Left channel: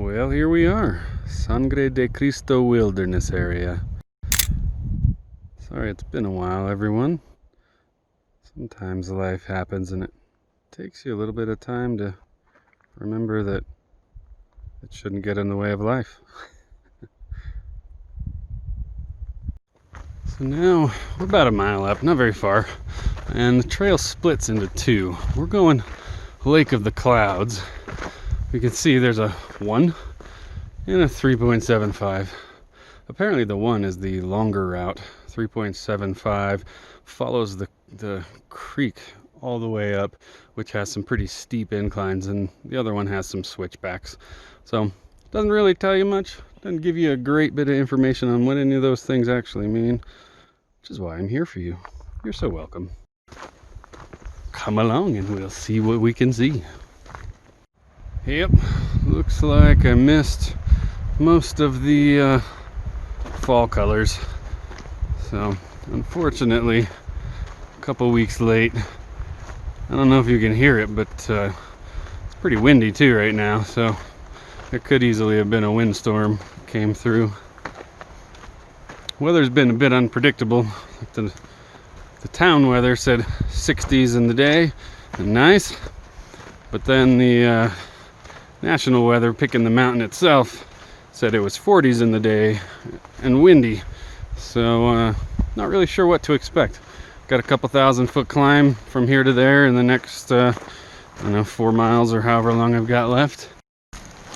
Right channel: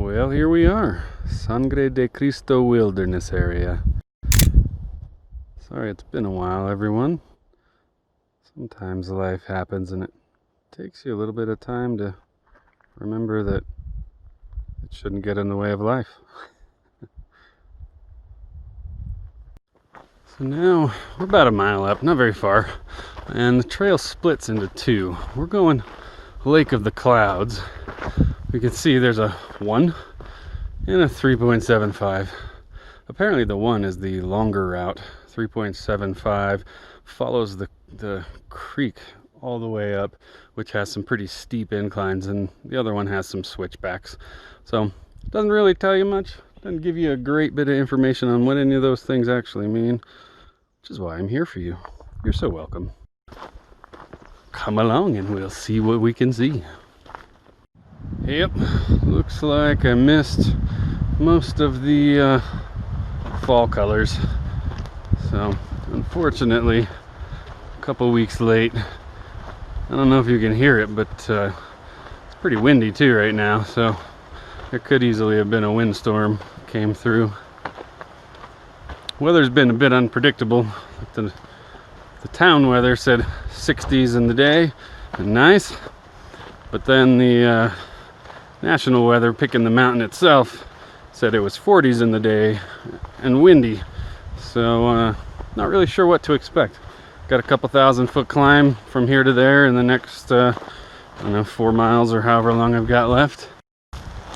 Well, here we are, Sangre de Cristo wilderness area. Sorry it's been a while, everyone. Sometimes life happens and it takes you a little bit of time to remember that it shouldn't get in the way of life. So now we're about a mile up, not very far, and the trail splits into two. We're going Lake of the Clouds. You can see there's a 1 and a 3.75. Apparently the 1 is the longer route. 3.75 follows the creek all the way up, which has some pretty steep inclines, and the other one has some switchbacks. So it doesn't really tell you much. Doesn't give you a great bit of information on what any of those things actually mean, which is why I'm here for you. You're so welcome. Come along and we'll see what we can see. Yep, looks like I missed most of the fall colors. So, unfortunately, a couple weeks late. I don't know if you can hear it, but it's pretty windy too right now. So, there could easily have been a windstorm came through. Weather's been a bit unpredictable. The town weather said 60s in the day and nice, but then the national weather, picking the mountain itself, said it was 40s in the day and windy. So not really sure what to expect. Got a couple 1,000-foot climb from here to there in the next I don't know, 4 miles or however long I've got left.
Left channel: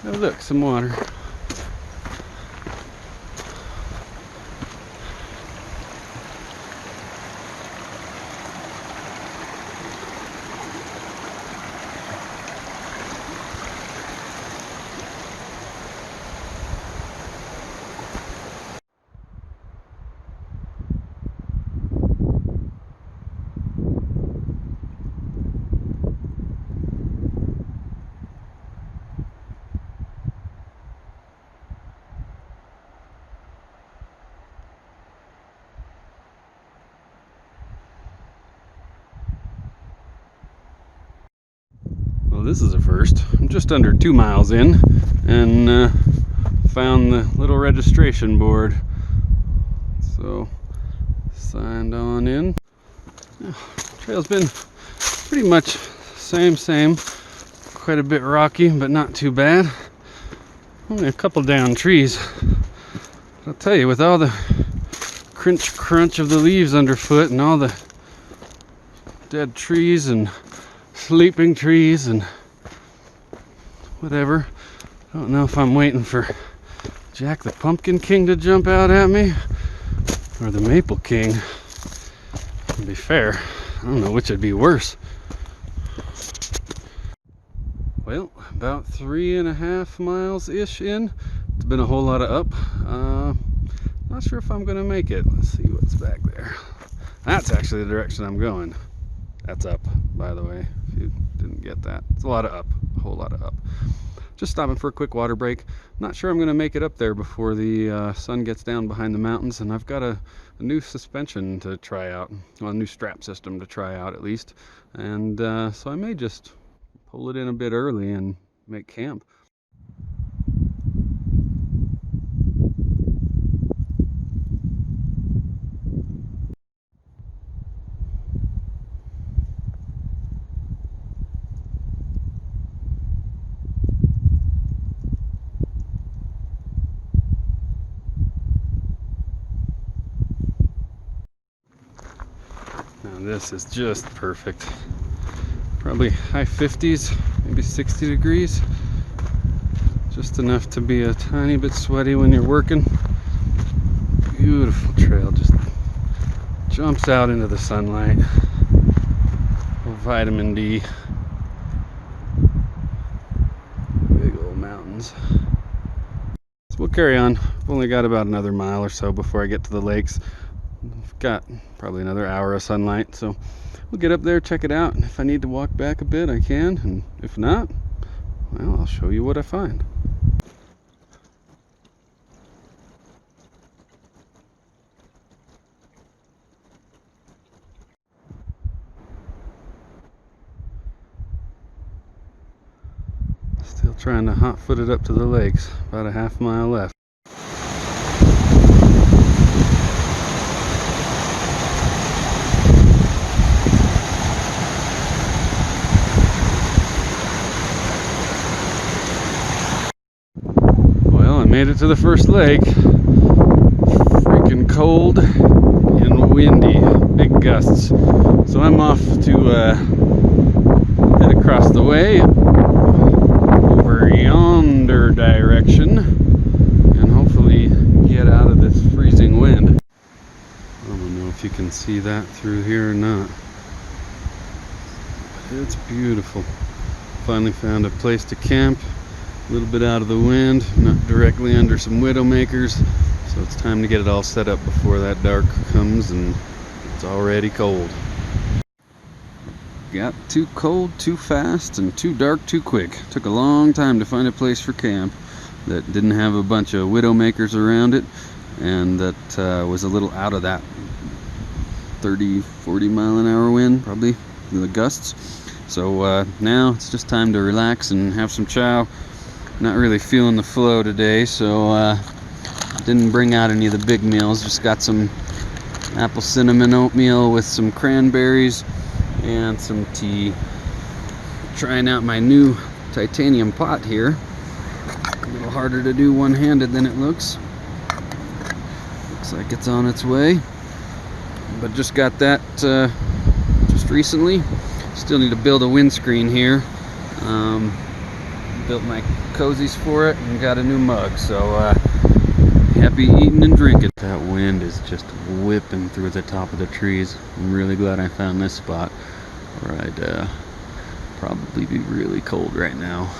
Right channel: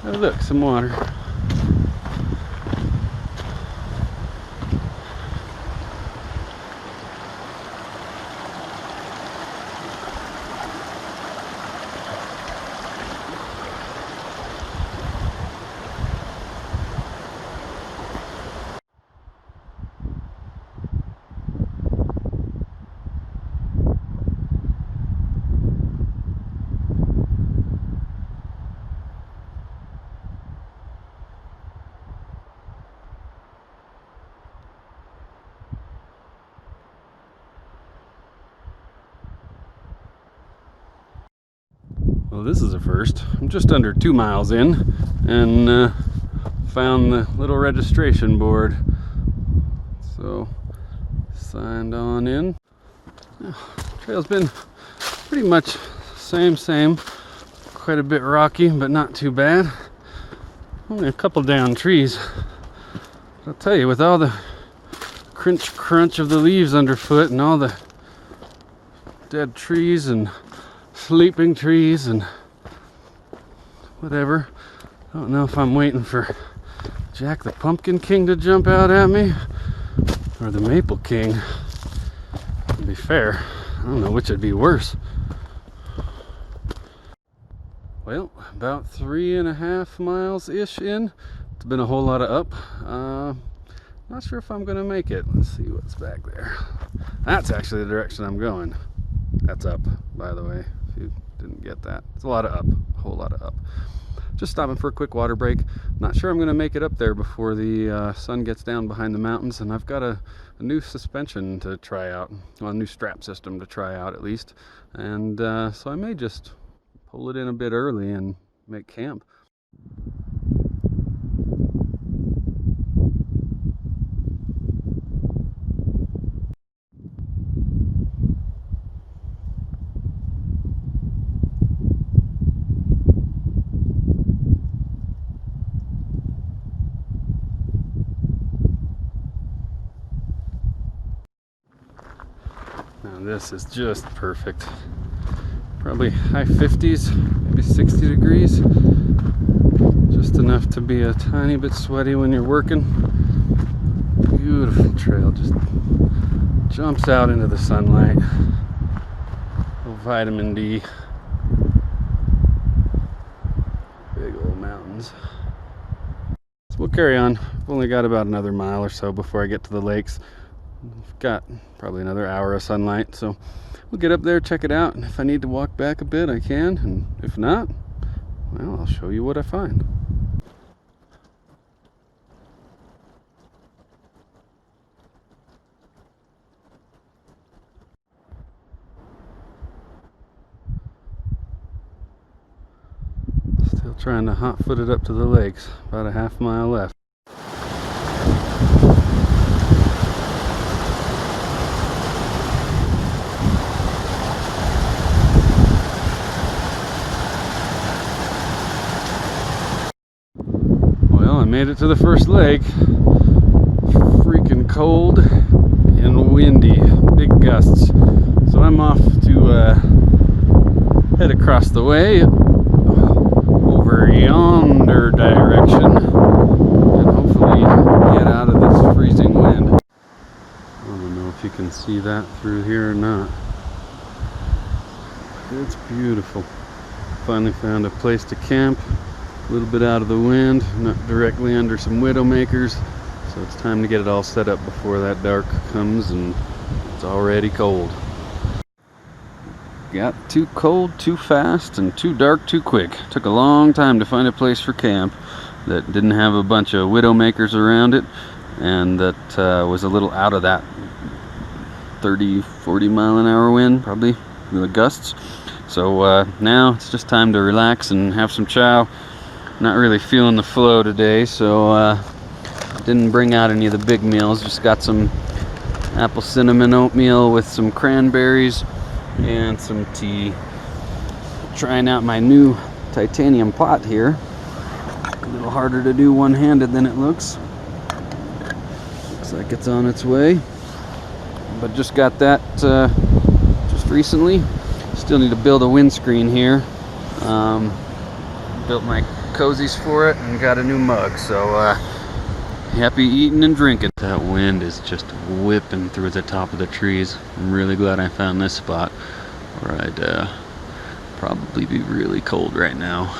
Oh look, some water. Well, this is a first. I'm just under 2 miles in and found the little registration board. So, signed on in. Trail's been pretty much same. Quite a bit rocky, but not too bad. Only a couple down trees. I'll tell you, with all the crunch of the leaves underfoot and all the dead trees and sleeping trees and whatever, I don't know if I'm waiting for Jack the Pumpkin King to jump out at me or the Maple King. To be fair, I don't know which would be worse. Well, about 3.5 miles ish in. It's been a whole lot of up. Not sure if I'm gonna make it. Let's see what's back there. That's actually the direction I'm going. That's up, by the way, if you didn't get that. It's a lot of up, a whole lot of up. Just stopping for a quick water break. Not sure I'm going to make it up there before the sun gets down behind the mountains, and I've got a new suspension to try out, well, a new strap system to try out at least, and so I may just pull it in a bit early and make camp. Now this is just perfect. Probably high 50s, maybe 60 degrees. Just enough to be a tiny bit sweaty when you're working. Beautiful trail, just jumps out into the sunlight. Oh, vitamin D. Big old mountains. So we'll carry on. I've only got about another mile or so before I get to the lakes. I've got probably another hour of sunlight, so we'll get up there, check it out, and if I need to walk back a bit, I can, and if not, well, I'll show you what I find. Still trying to hot-foot it up to the lakes. About a half mile left. Well, I made it to the first lake. Freaking cold and windy, big gusts. So I'm off to head across the way over yonder direction and hopefully get out of this freezing wind. I don't know if you can see that through here or not, but it's beautiful. Finally found a place to camp, a little bit out of the wind, not directly under some widowmakers. So it's time to get it all set up before that dark comes and it's already cold. Got too cold too fast and too dark too quick. Took a long time to find a place for camp that didn't have a bunch of widowmakers around it and that was a little out of that 30-40 mile an hour wind, probably the gusts. So now it's just time to relax and have some chow. Not really feeling the flow today, so didn't bring out any of the big meals. Just got some apple cinnamon oatmeal with some cranberries and some tea. Trying out my new titanium pot here. A little harder to do one-handed than it looks. Looks like it's on its way. But just got that just recently. Still need to build a windscreen here. Built my cozies for it and got a new mug. So happy eating and drinking. That wind is just whipping through the top of the trees. I'm really glad I found this spot, or I'd probably be really cold right now.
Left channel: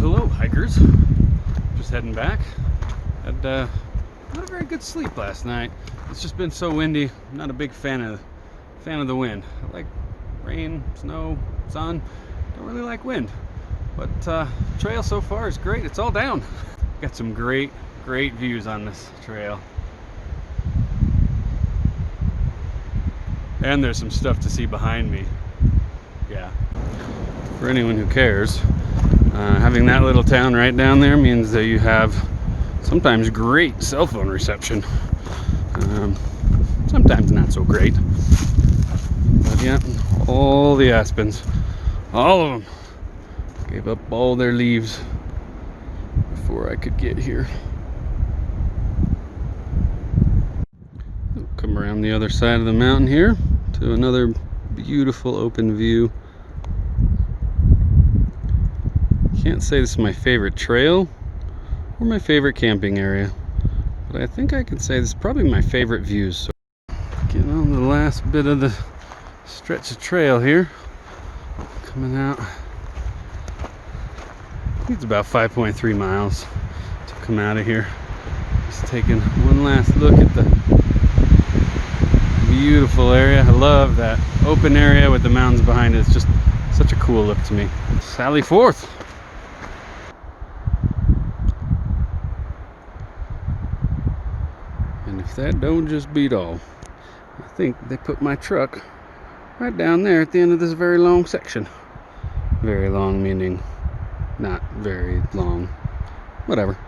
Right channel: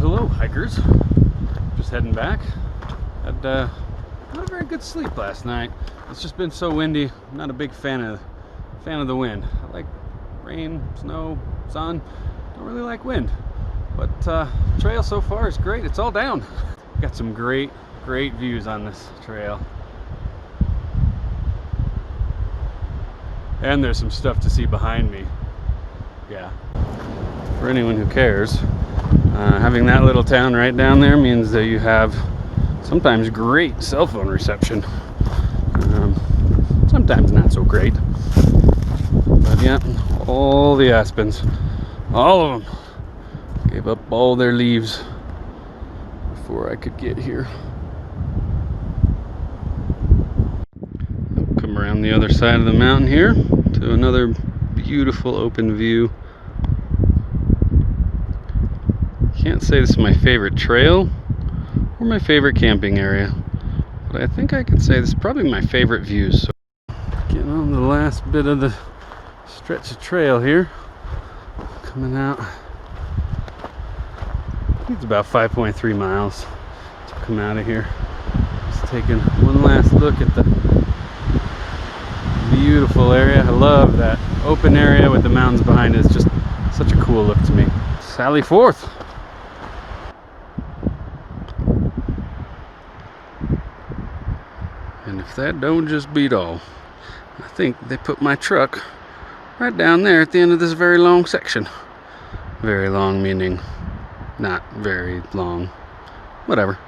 Hello hikers, just heading back. Had not a very good sleep last night. It's just been so windy. I'm not a big fan of the wind. I like rain, snow, sun. Don't really like wind, but trail so far is great. It's all down. Got some great views on this trail, and there's some stuff to see behind me. Yeah, for anyone who cares. Having that little town right down there means that you have sometimes great cell phone reception. Sometimes not so great. But yeah, all the aspens, all of them, gave up all their leaves before I could get here. I'll come around the other side of the mountain here to another beautiful open view. Can't say this is my favorite trail or my favorite camping area, but I think I can say this is probably my favorite views. So getting on the last bit of the stretch of trail here, coming out. It's about 5.3 miles to come out of here. Just taking one last look at the beautiful area. I love that open area with the mountains behind it. It's just such a cool look to me. Sally forth. And if that don't just beat all. I think they put my truck right down there at the end of this very long section. Very long meaning not very long. Whatever.